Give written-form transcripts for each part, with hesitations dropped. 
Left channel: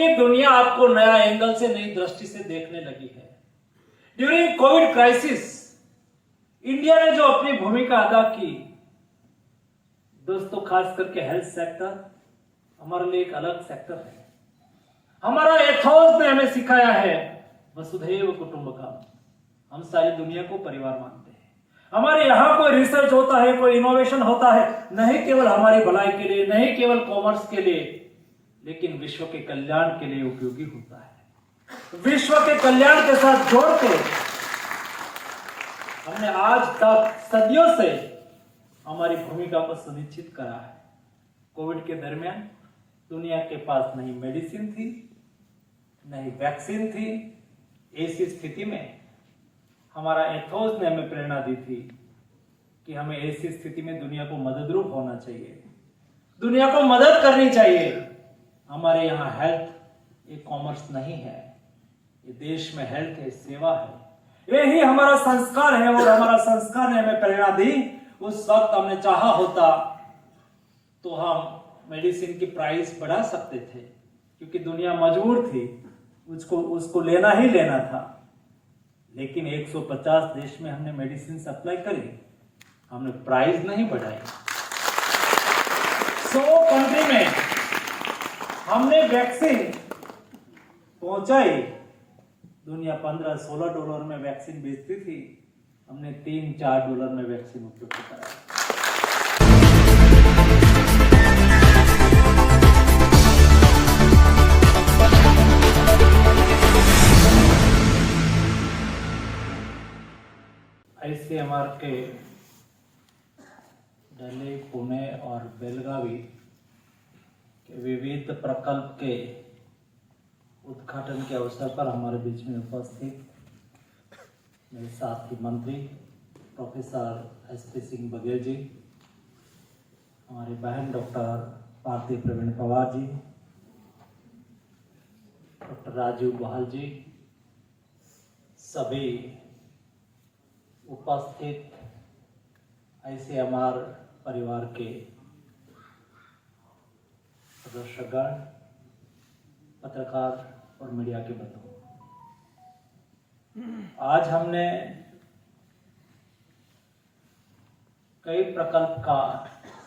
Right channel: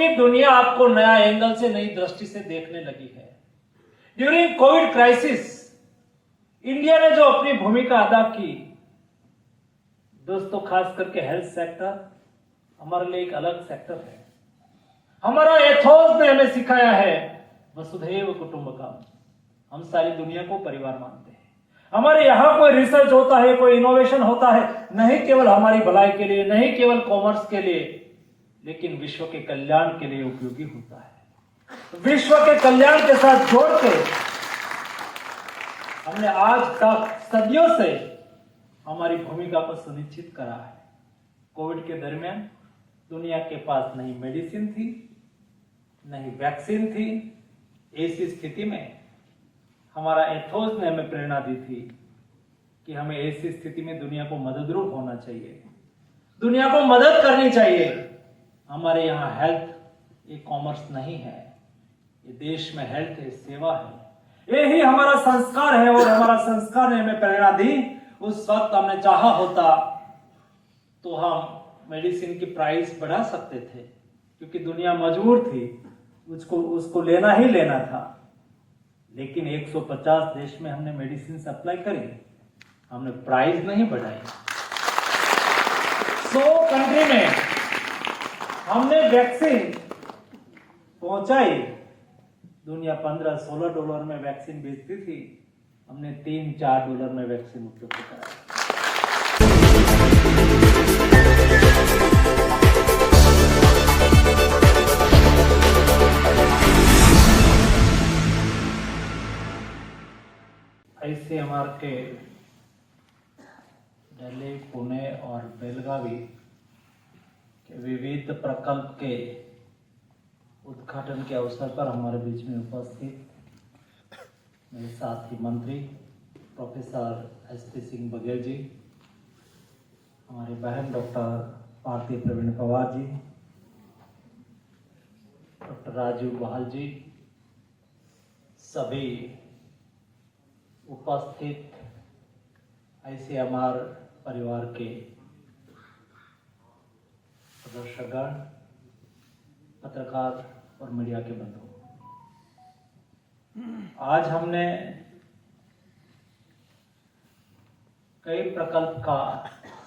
क्योंकि दुनिया आपको नया एंगल से, नई दृष्टि से देखने लगी है। ड्यूरिंग कोविड क्राइसिस इंडिया ने जो अपनी भूमिका अदा की, दोस्तों, खास करके हेल्थ सेक्टर हमारे लिए एक अलग सेक्टर है। हमारा एथोस ने हमें सिखाया है वसुधैव कुटुंबकम, हम सारी दुनिया को परिवार मानते हैं। हमारे यहां कोई रिसर्च होता है, कोई इनोवेशन होता है, नहीं केवल हमारी भलाई के लिए, नहीं केवल कॉमर्स के लिए, लेकिन विश्व के कल्याण के लिए उपयोगी होता है। विश्व के कल्याण के साथ जोड़ के हमने आज तक सदियों से हमारी भूमिका को सुनिश्चित करा है। कोविड के दरमियान दुनिया के पास नहीं मेडिसिन थी, नहीं वैक्सीन थी। ऐसी स्थिति में हमारा एथोस ने हमें प्रेरणा दी थी कि हमें ऐसी स्थिति में दुनिया को मददरूप होना चाहिए, दुनिया को मदद करनी चाहिए। हमारे यहाँ हेल्थ एक कॉमर्स नहीं है, ये देश में हेल्थ है, सेवा है। यही हमारा संस्कार है और हमारा संस्कार ने हमें प्रेरणा दी। उस वक्त हमने चाहा होता तो हम मेडिसिन की प्राइस बढ़ा सकते थे, क्योंकि दुनिया मजबूर थी, उसको लेना ही लेना था। लेकिन 150 देश में हमने मेडिसिन सप्लाई करी, हमने प्राइस नहीं बढ़ाई। 100 कंट्री में हमने वैक्सीन पहुंचाई। दुनिया $15-16 में वैक्सीन बेचती थी, हमने $3-4 में वैक्सीन उपलब्ध कराई। ICMR के दिल्ली, पुणे और बेलगावी के विविध प्रकल्प के उद्घाटन के अवसर पर हमारे बीच में उपस्थित मेरे साथी मंत्री प्रोफेसर SP सिंह बघेल जी, हमारी बहन डॉक्टर भारती प्रवीण पवार जी, डॉक्टर राजीव बहाल जी, सभी उपस्थित ICMR परिवार के सदस्यगण, पत्रकार और मीडिया के बंधु, आज हमने कई प्रकल्प का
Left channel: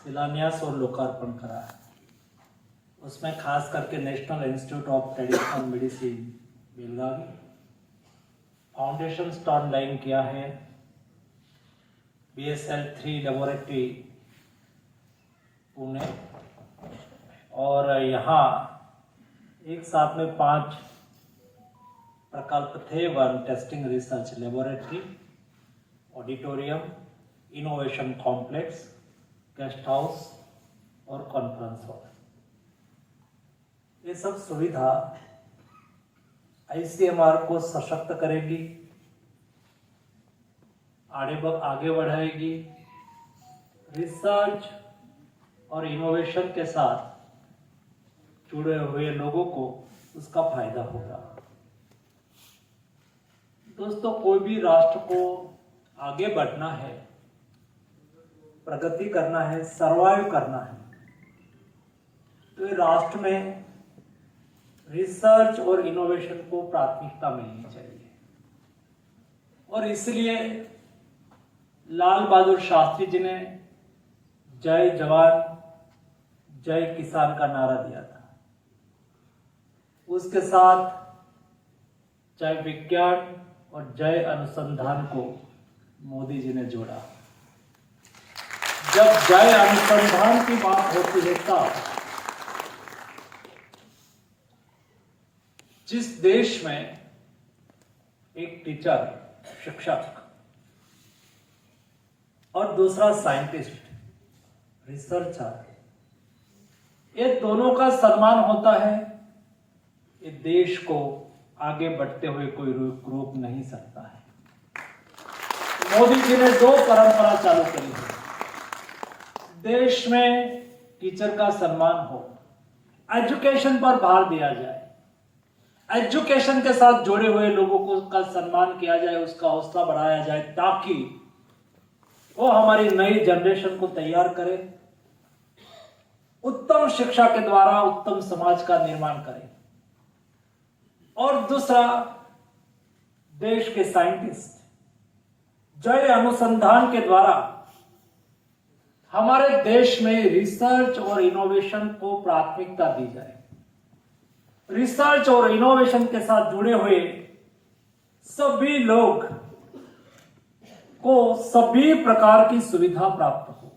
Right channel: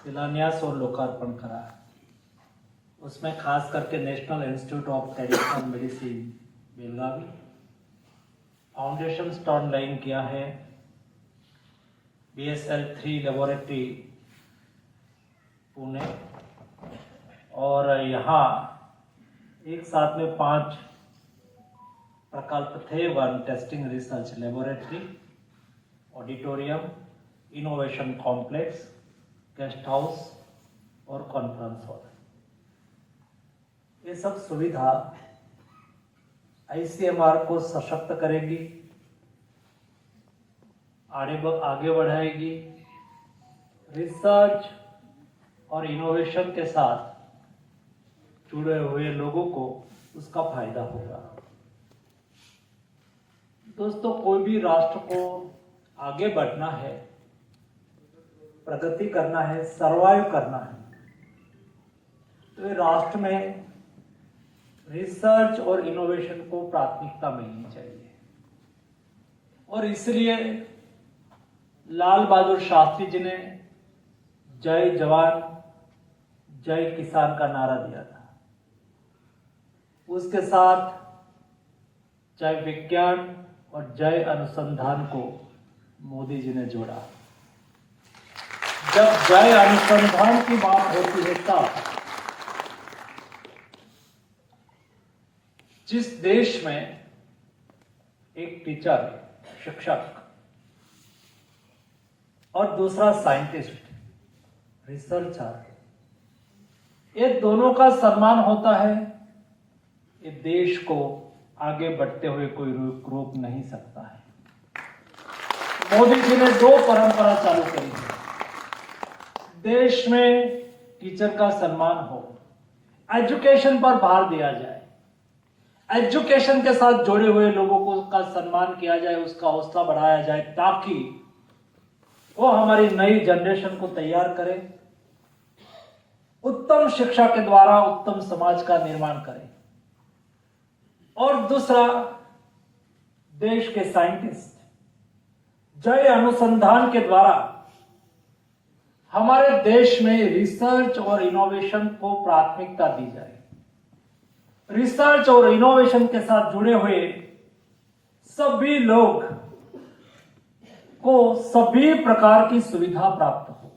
शिलान्यास और लोकार्पण करा है। उसमें खास करके national institute of traditional medicine Belagavi, foundation stone line किया है, BSL-3 लेबोरेटरी पुणे, और यहाँ एक साथ में 5 प्रकल्प थे। 1 testing research laboratory, auditorium, innovation complex, guest house और कॉन्फ्रेंस हॉल। ये सब सुविधा ICMR को सशक्त करेगी, आगे बढ़ाएगी, रिसर्च और इनोवेशन के साथ जुड़े हुए लोगों को उसका फायदा होगा। दोस्तों, कोई भी राष्ट्र को आगे बढ़ना है, प्रगति करना है, सरवाइव करना है, तो ये राष्ट्र में रिसर्च और इनोवेशन को प्राथमिकता मिलनी चाहिए। और इसलिए लाल बहादुर शास्त्री जी ने जय जवान जय किसान का नारा दिया था। उसके साथ जय विज्ञान और जय अनुसंधान को मोदी जी ने जोड़ा। जब जय अनुसंधान की बात होती है तब जिस देश में एक टीचर, शिक्षक और दूसरा साइंटिस्ट, रिसर्चर, ये दोनों का सम्मान होता है, ये देश को आगे बढ़ते हुए कोई रोक नहीं सकता है। मोदी जी ने 2 परंपरा चालू करी है। देश में टीचर का सम्मान हो, एजुकेशन पर भार दिया जाए, एजुकेशन के साथ जुड़े हुए लोगों को का सम्मान किया जाए, उसका हौसला बढ़ाया जाए, ताकि वो हमारी नई जनरेशन को तैयार करे, उत्तम शिक्षा के द्वारा उत्तम समाज का निर्माण करे। और दूसरा, देश के साइंटिस्ट जय अनुसंधान के द्वारा हमारे देश में रिसर्च और इनोवेशन को प्राथमिकता दी जाए। रिसर्च और इनोवेशन के साथ जुड़े हुए सभी लोग को सभी प्रकार की सुविधा प्राप्त हो।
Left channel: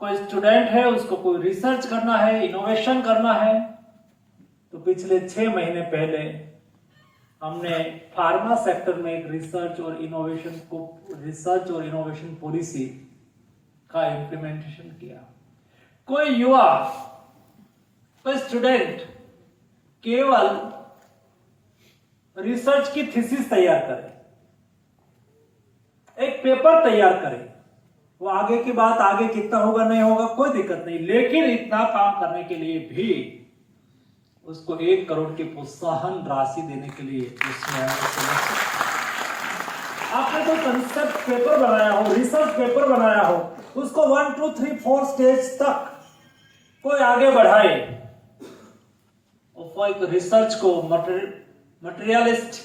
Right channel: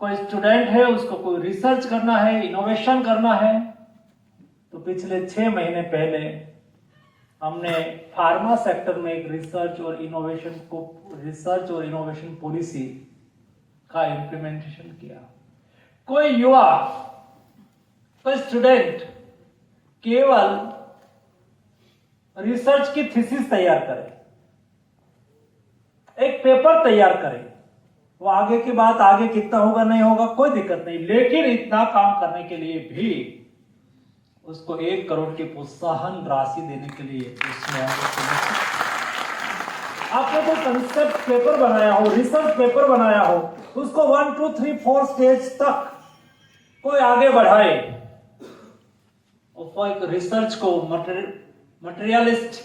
कोई स्टूडेंट है, उसको कोई रिसर्च करना है, इनोवेशन करना है, तो पिछले 6 महीने पहले हमने फार्मा सेक्टर में एक रिसर्च और इनोवेशन पॉलिसी का इंप्लीमेंटेशन किया। कोई युवा, कोई स्टूडेंट केवल रिसर्च की थीसिस तैयार करे, एक पेपर तैयार करे, वो आगे की बात, आगे कितना होगा नहीं होगा कोई दिक्कत नहीं, लेकिन इतना काम करने के लिए भी उसको 1 करोड़ की प्रोत्साहन राशि देने के लिए उसमें आपने कोई कंसेप्ट पेपर बनाया हो, रिसर्च पेपर बनाया हो, उसको 1, 2, 3, 4 स्टेज तक कोई आगे बढ़ाए और एक रिसर्च को मटेरियलिस्ट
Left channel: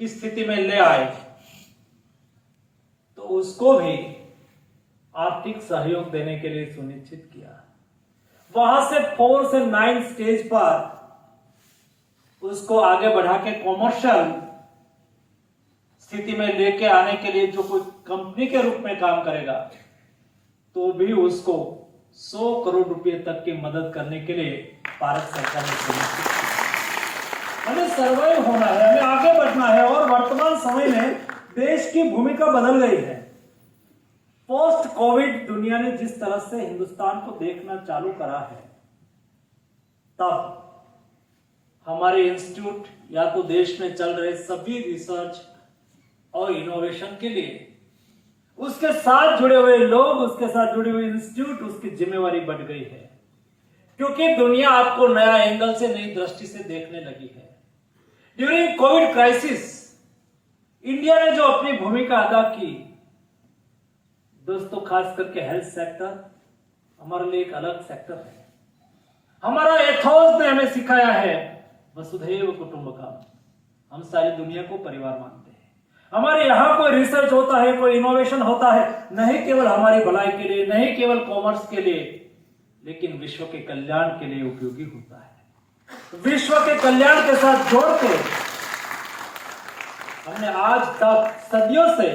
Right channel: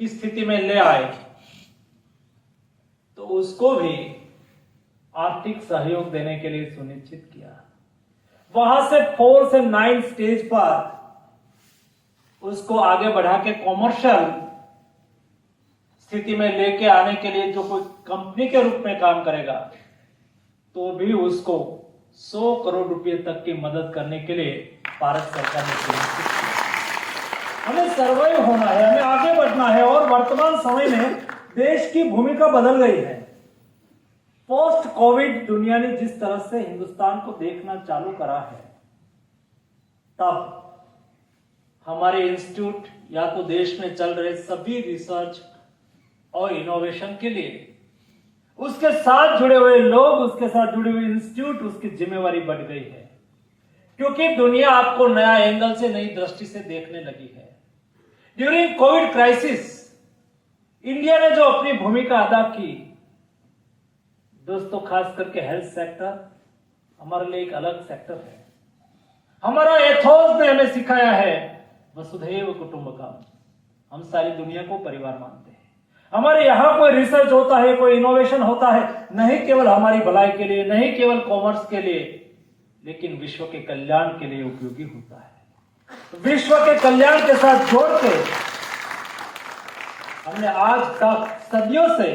की स्थिति में ले आए, तो उसको भी आर्थिक सहयोग देने के लिए सुनिश्चित किया। वहां से 4 से 9 स्टेज पर उसको आगे बढ़ा के कॉमर्शियल स्थिति में लेके आने के लिए जो कोई कंपनी के रूप में काम करेगा, तो भी उसको 100 करोड़ रुपए तक की मदद करने के लिए भारत सरकार ने सुनिश्चित किया। हमें सर्वाइव होना है, हमें आगे बढ़ना है, और वर्तमान समय में देश की भूमिका बदल गई है। पोस्ट कोविड दुनिया ने जिस तरह से हिंदुस्तान को देखना चालू करा है, तब हमारे इंस्टीट्यूट या तो देश में चल रहे सभी रिसर्च और इनोवेशन के लिए, उसके साथ जुड़े हुए लोग, उसके साथ जुड़े हुए इंस्टीट्यूट, उसकी जिम्मेवारी बढ़ गई है, क्योंकि दुनिया आपको नया एंगल से, नई दृष्टि से देखने लगी है। ड्यूरिंग कोविड क्राइसिस इंडिया ने जो अपनी भूमिका अदा की, दोस्तों, खास करके हेल्थ सेक्टर हमारे लिए एक अलग सेक्टर है। हमारा एथोस ने हमें सिखाया है वसुधैव कुटुंबकम, हम सारी दुनिया को परिवार मानते हैं। हमारे यहां कोई रिसर्च होता है, कोई इनोवेशन होता है, नहीं केवल हमारी भलाई के लिए, नहीं केवल कॉमर्स के लिए, लेकिन विश्व के कल्याण के लिए उपयोगी होता है। विश्व के कल्याण के साथ जोड़ के हमने आज तक सदियों से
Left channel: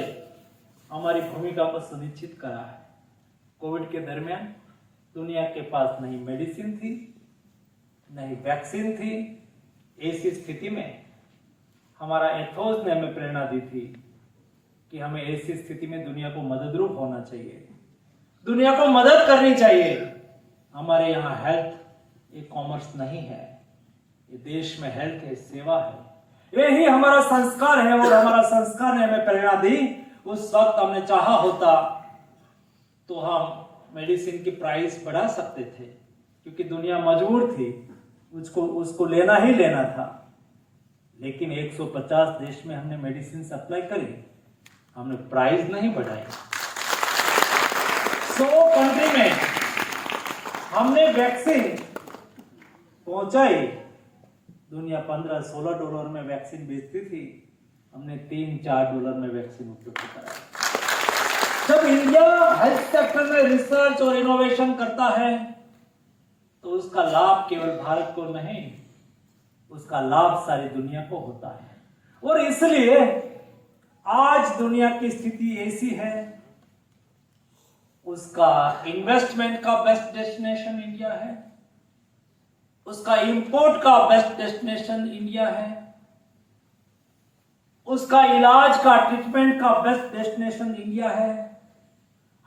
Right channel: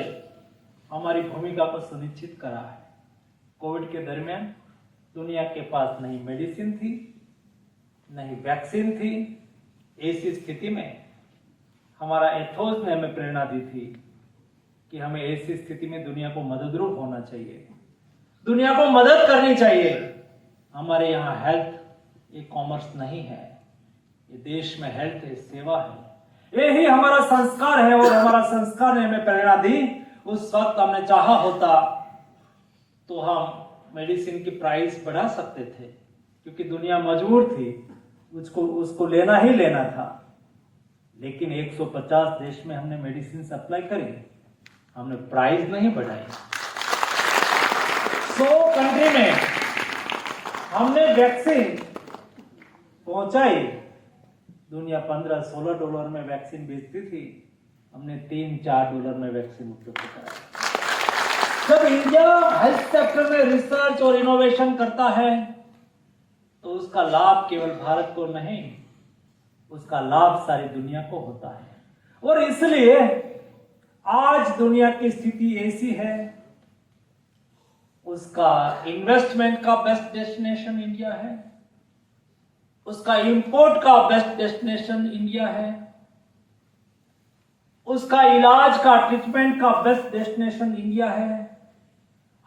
हमारी भूमिका को सुनिश्चित करा है। कोविड के दरमियान दुनिया के पास नहीं मेडिसिन थी, नहीं वैक्सीन थी। ऐसी स्थिति में हमारा एथोस ने हमें प्रेरणा दी थी कि हमें ऐसी स्थिति में दुनिया को मददरूप होना चाहिए, दुनिया को मदद करनी चाहिए। हमारे यहाँ हेल्थ एक कॉमर्स नहीं है, ये देश में हेल्थ है, सेवा है। यही हमारा संस्कार है, और हमारा संस्कार ने हमें प्रेरणा दी। उस वक्त हमने चाहा होता तो हम मेडिसिन की प्राइस बढ़ा सकते थे, क्योंकि दुनिया मजबूर थी, उसको लेना ही लेना था। लेकिन 150 देश में हमने मेडिसिन सप्लाई करी, हमने प्राइस नहीं बढ़ाई। 100 कंट्री में हमने वैक्सीन पहुंचाई। दुनिया 15-16 डॉलर में वैक्सीन बेचती थी, हमने $3-4 में वैक्सीन उपलब्ध कराई। जब इंडिया हेल्थ सेक्टर में रिसर्च और इनोवेशन करता है, तो उसका लाभ केवल भारत को नहीं, उसका लाभ सारी दुनिया को होता है। और इसलिए आज दुनिया की स्थिति ऐसी है, उसका इन्वेस्टमेंट का बेस्ट डेस्टिनेशन इंडिया है, उसका इंपोर्ट का बेस्ट डेस्टिनेशन इंडिया है, उसका इलाज का, ट्रीटमेंट का बेस्ट डेस्टिनेशन इंडिया है।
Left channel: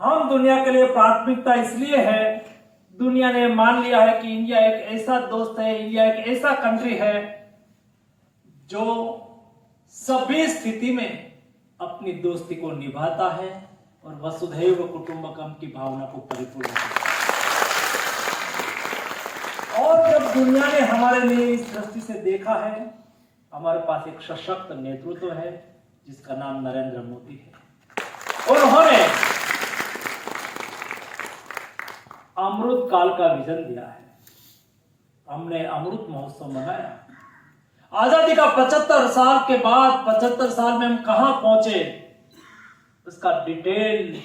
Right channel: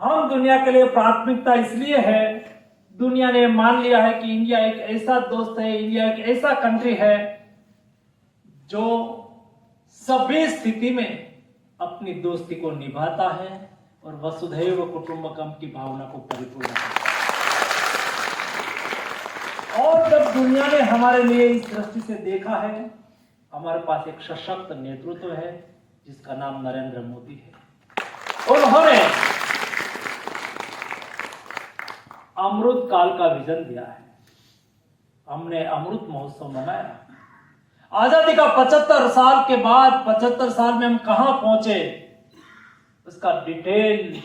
हम दुनिया के लिए प्राथमिकता इसलिए है, दुनिया ने मान लिया है कि इंडिया एक ऐसा दोस्त है, इंडिया एक ऐसा कंट्री है जो सभी स्थिति में अपनी दोस्ती को निभाता है और वसुधैव कुटुंबकम की भावना को परिपूर्ण करता है। और जब दुनिया ने हमारे लिए इस दृष्टि से देखा है, हमारे पास एक सशक्त नेतृत्व है जिसका नाम नरेंद्र मोदी है। उन्होंने अमृत काल का विजन दिया है। हमने अमृत महोत्सव मनाया, आजादी का 75 साल के बाद 75 साल में हम कहां पहुंचे, उसका डिटेल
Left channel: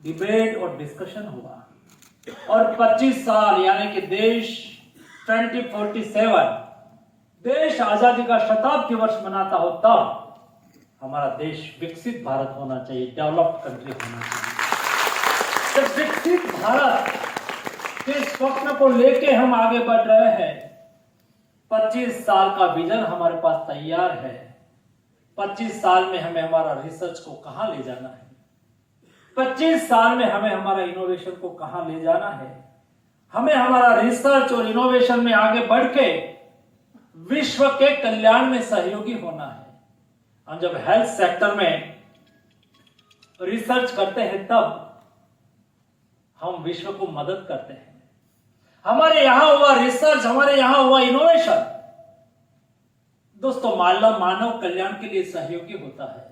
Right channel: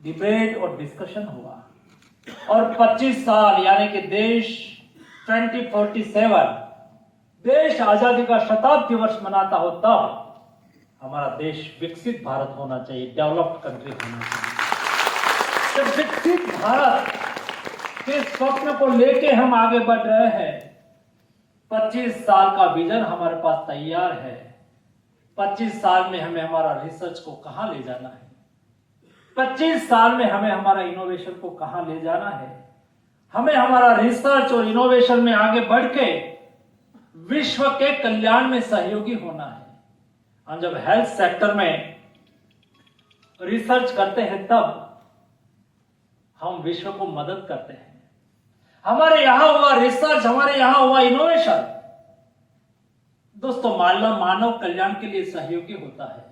डिबेट और डिस्कशन हुआ। और 25 साल यानी कि देश 2047 देश आजादी का शताब्दी वर्ष मनाता हो, तब हमारा देश विकसित भारत होना चाहिए, डेवलप्ड कंट्री होना चाहिए। तो विकसित भारत के स्वप्न को लेके हम आगे बढ़ रहे हैं। 25 साल का विजन हमारे पास तैयार है। 25 साल में हमें हमारा रिसर्च को कहां ले जाना है, 25 साल में हमें हमारा इनोवेशन को कहां ले जाना है, हमें हमारा रिसर्च और इनोवेशन में आगे बढ़ के विश्व के कल्याण में सहयोगी होना है। हम जब हेल्थ सेक्टर में रिसर्च करते हैं तब हम विश्व को मदद करते हैं। हमारे यहां हुआ रिसर्च, हमारे यहां हुआ इनोवेशन दोस्तों मानव कल्याण के लिए सहयोगी होता है।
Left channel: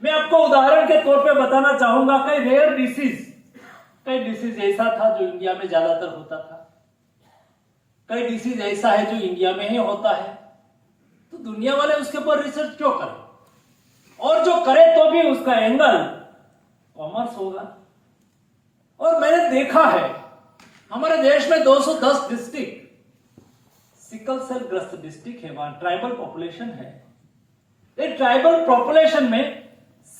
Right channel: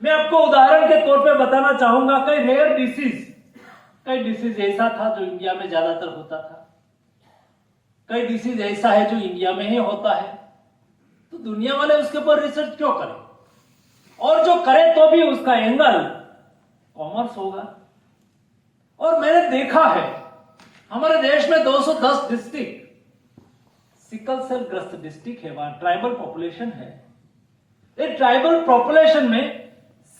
मैं आपको उदाहरण के तौर पे बताना चाहूंगा, कई रेयर डिसीज ऐसा था जो इंडिया में ज्यादातर होता था, कई डिसीज ऐसा है जो इंडिया में ही होता है। तो दुनिया वाले उसके ऊपर रिसर्च क्यों करें, और जो करे तो भी उसका एंगल कॉमर्स होगा। और मैंने देखा है हमारे देश में 210 डिस्ट्रिक्ट सिकल सेल ग्रस्त डिस्ट्रिक्ट है, वहां ट्राइबल पॉपुलेशन है। ये ट्राइबल पॉपुलेशन में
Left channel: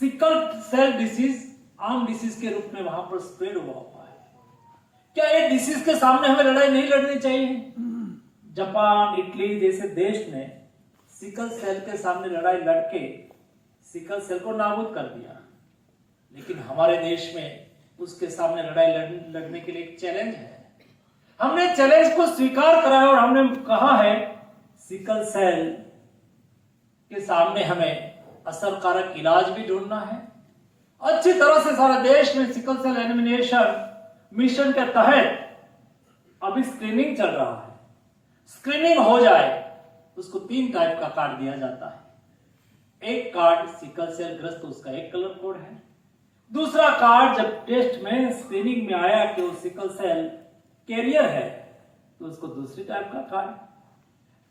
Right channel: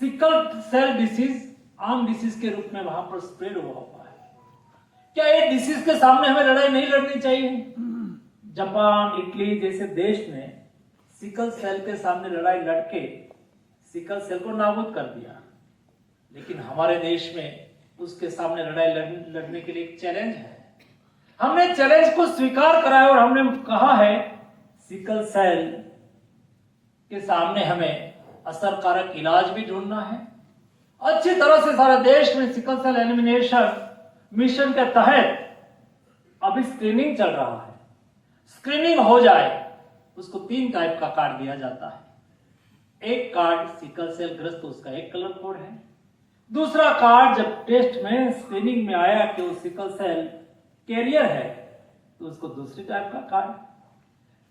सिकल सेल डिसीज आम डिसीज के रूप में वहां पर स्प्रेड हुआ है। क्या ये डिसीज के सामने हमें लड़ाई नहीं लड़नी चाहिए? जापान, इटली जैसे देश ने सिकल सेल के सामने लड़ाई लड़के सिकल सेल को नाबूद कर दिया, लेकिन हमारे देश में उसके सामने लड़ाई लड़ने के लिए एक चैलेंज है। हमने चैलेंज को स्वीकार करा है और हमने कहा है सिकल सेल के सामने हमें असरकारक इलाज भी ढूंढना है। अच्छी तरह से सारा देश में सिकल सेल एलिमिनेशन मिशन के तहत अभी स्क्रीनिंग चल रहा है। स्क्रीनिंग हो जाए उसको 3 टाइप का कार्ड दिया जाता है। एक कार्ड सिकल सेल ग्रस्त, उसका एक कलर कोड है। दूसरा कार्ड जब टेस्ट में स्क्रीनिंग में आया कि वो सिकल सेल कैरियर है तो उसको दूसरी टाइप का कार्ड।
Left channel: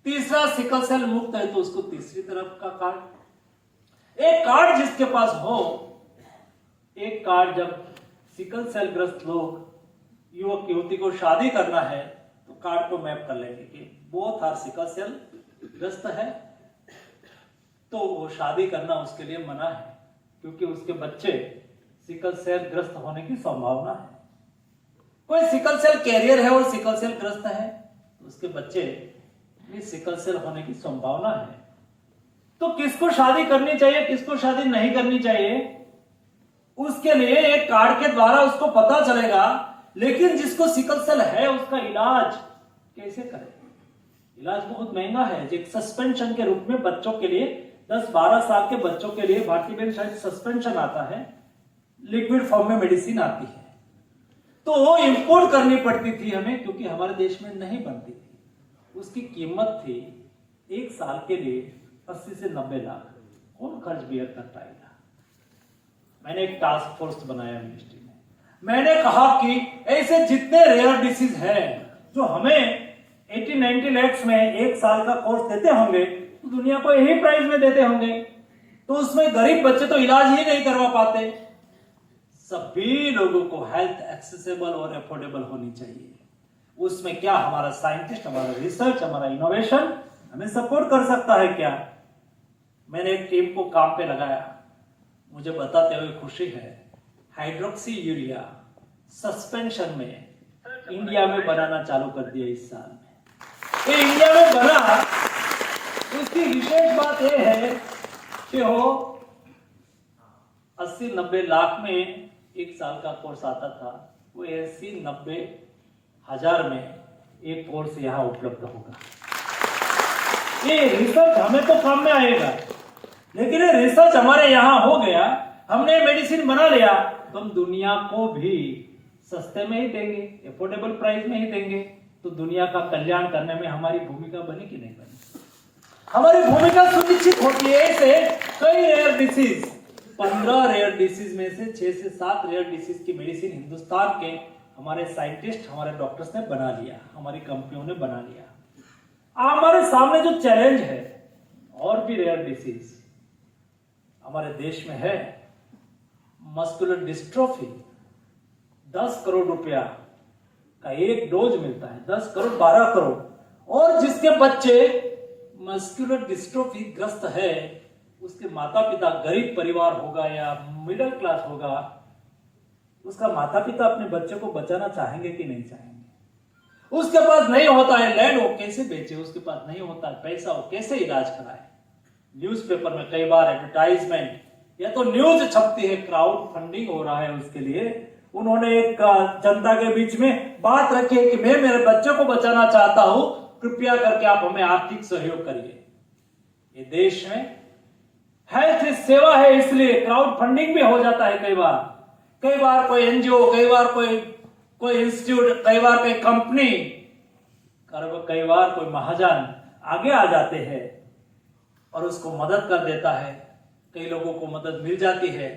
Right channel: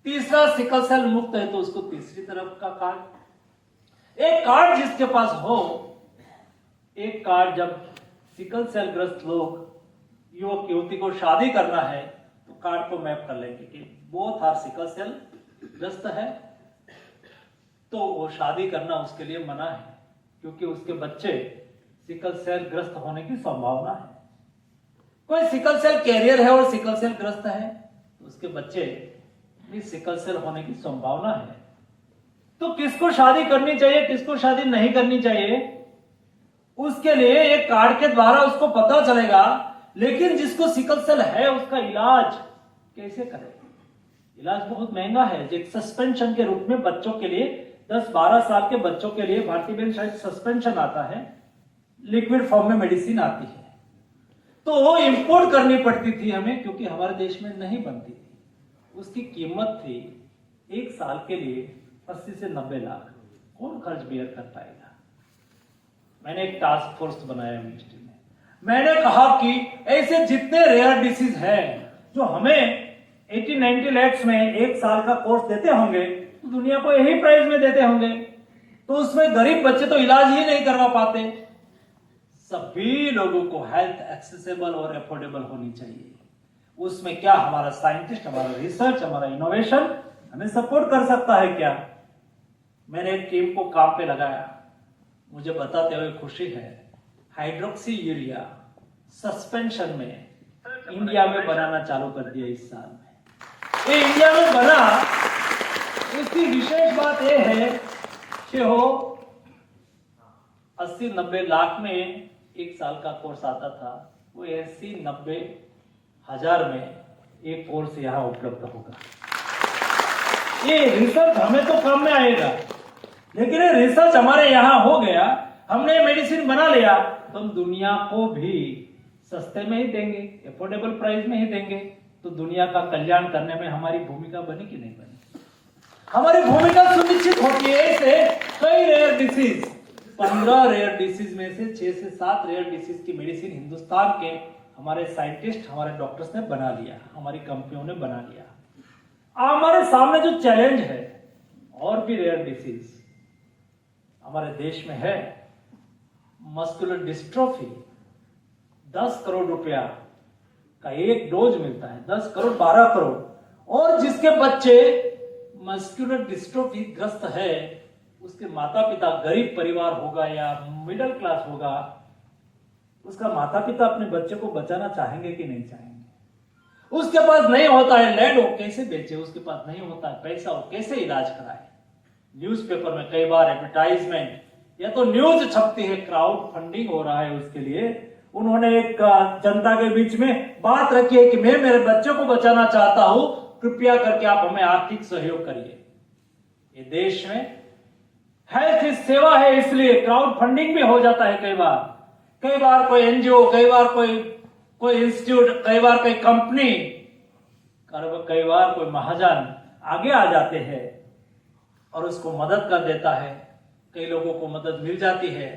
तीसरा सिकल सेल मुक्त है तो उसको तीसरी तरफ का कार्ड। एक कार्ड जिसके पास हो, एक कार्ड जब सिकल सेल ग्रस्त लोग युवक युवती को शादी करना है तो कार्ड को मैप कर लेंगे कि बोथ आर सिकल सेल ग्रस्त है, तो वो शादी करना उसके लिए मना है, क्योंकि उसके बच्चे सिकल सेल ग्रस्त होने की संभावना है। कोई सिकल सेल कैरियर है और सिकल सेल ग्रस्त है, उसके बच्चे भी सिकल सेल होने की संभावना है। तो किसको शादी करनी चाहिए, किसको शादी नहीं करनी चाहिए, उसके लिए एक कार्ड के द्वारा उसको पता चलेगा। लेकिन जिसको सिकल सेल है उसका इलाज कैसे करें? इलाज बहुत महंगा है। एक सस्पेंशन के रूप में बच्चों के लिए 10-12 साल के बच्चों के लिए भारतीय में शायद सस्पेंशन आता है, लिक्विड फॉर्म में मेडिसिन आती है, तो वो इंपोर्ट करनी पड़ती थी हमें, क्योंकि हमारे देश में नहीं बनती थी। उसकी कीमत थी 1 साल के लिए 80 से 90 लाख। कौन खर्च बियर कर पाएगा? मैंने एक टास्क फोर्स बनाया मिनिस्ट्री में। मैंने कहा कि ऐसे जितने रेयर डिसीज हैं जो हमें 80-90 लाख में 1 साल का कोर्स देते होंगे, तो दुनिया को यही प्राइस में देते होंगे, तो उसमें गरीब बच्चे तो इलाज ही नहीं करवा पाते। सभी लोगों को हेल्थ एक्सेसिबल और अफोर्डेबल होनी चाहिए। उसमें क्या हमारा साइंटिस्ट, हमारा रिसर्च, हमारा इनोवेशन हमें सपोर्ट कर सकता है क्या? मैंने एक टीम को काम पे लगाया, मुझे बताते हुए खुशी है, हाइड्रोक्सी यूरिया सस्पेंशन में इंडिया में बनाना चालू कर दिया इस साल में। ये इंडिया में बना, उसकी विशेष बात यह है कि वो 80-90 लाख में 1 साल का कोर्स आता था, वो 80-90 हजार में एक कोर्स यहां उपलब्ध होगा। ये रिसर्च हमें तो काम में आएगा, लेकिन ये रिसर्च हमारे यहां हो गया, हमने मेडिसिन बना लिया, तो हम दुनिया को भी सस्ते में ही देंगे, अफोर्डेबल प्राइस में ही देंगे, तो दुनिया का कल्याण करने में हमारी भूमिका बनी कि नहीं बनी? हमारी भूमिका सुनिश्चित होती है। ऐसे कई रेयर डिसीज, 15 रेयर डिसीज में से 6 से 7 रेयर डिसीज की मेडिसिन हिंदुस्तान के हमारे साइंटिस्ट, हमारे डॉक्टर्स ने बना लिया, हमारी कंपनियों ने बना लिया। हमारे सामने जो चैलेंज है, और भी रेयर डिसीज हमारे देश में है, मस्कुलर डिस्ट्रोफी। 10 करोड़ रुपया का एक डोज मिलता है, 10 करोड़ 12 करोड़। और जिसके बच्चे मस्कुलर डिस्ट्रोफी ग्रस्त है, उसके माता पिता गरीब परिवार होगा या मिडिल क्लास होगा, उसका माता पिता अपने बच्चे को बचाना चाहेंगे कि नहीं चाहेंगे? उसके पास नहीं होता है लैंड, वो कैसे बेचे? उसके पास नहीं होता है पैसा, वो कैसे इलाज कराए? न्यूज़पेपर में कई बार एडवर्टाइजमेंट या तो न्यूज छपती है, क्राउड फंडिंग हो रहा है उसके लिए। उन्होंने एक जनता के बीच में बात रखी है कि मैं मेरे बच्चे को बचाना चाहता हूं, कृपया करके आप हमें आर्थिक सहयोग करिए। ये देश में हेल्थ सेवा है, इसलिए क्राउड फंडिंग भी हो जाता है कई बार कोई एनजीओ, कई बार कोई इंस्टीट्यूट, कई बार कोई कंपनी, कई बार कोई महाजन आगे आ जाते हैं और उसको मदद कर देता है। कई लोगों को मदद मिल जाती है,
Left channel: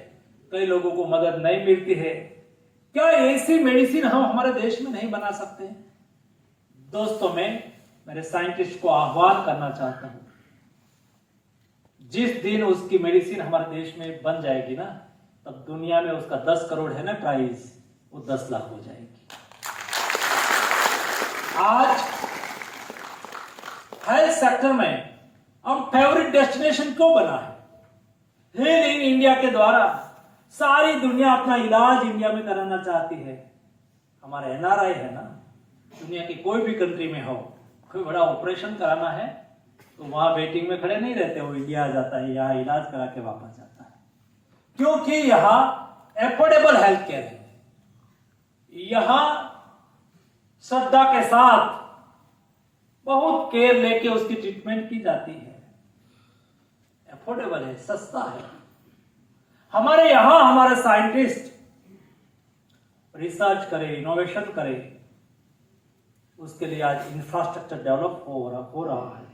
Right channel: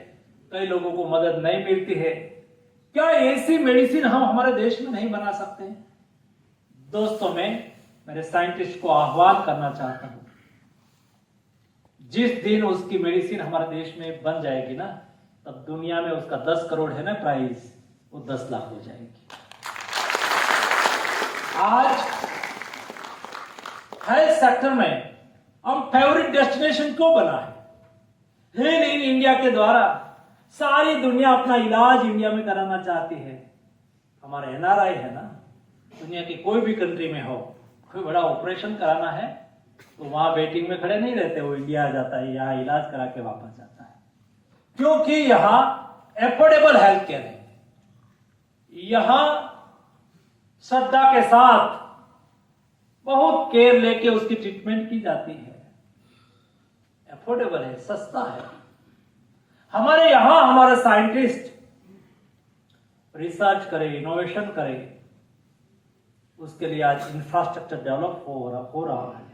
कई लोगों को मदद नहीं मिलती है। क्या ऐसी मेडिसिन हम हमारे देश में नहीं बना सकते? दोस्तों, मैं मेरे साइंटिस्ट को आह्वान करना चाहता हूं, जिस दिन उसकी मेडिसिन हमारे देश में बन जाएगी ना, तब दुनिया में उसका 10 करोड़ है ना प्राइस, वो 10 लाख हो जाएगी। आज हेल्थ सेक्टर में हम फेवरेट डेस्टिनेशन क्यों बना है? हेल इन इंडिया के द्वारा सारी दुनिया अपना इलाज इंडिया में कराना चाहती है। हमारे एनआरआई है ना, दुनिया की कोई भी कंट्री में हो, कोई बड़ा ऑपरेशन कराना है तो वहां वेटिंग में खड़े नहीं रहते, वो इंडिया आ जाता है, यहाँ इलाज करा के वापस जाता है, क्योंकि यहाँ एफोर्डेबल हेल्थ केयर है। यहां श्रद्धा के साथ बहुत केयर लेके उसकी ट्रीटमेंट की जाती है, एफोर्डेबल है, सस्ता है। हमारे यहां हमारे साइंटिस्ट रिसर्च करे, इनोवेशन करे, उसके लिए आज इंफ्रास्ट्रक्चर डेवलप हो रहा है।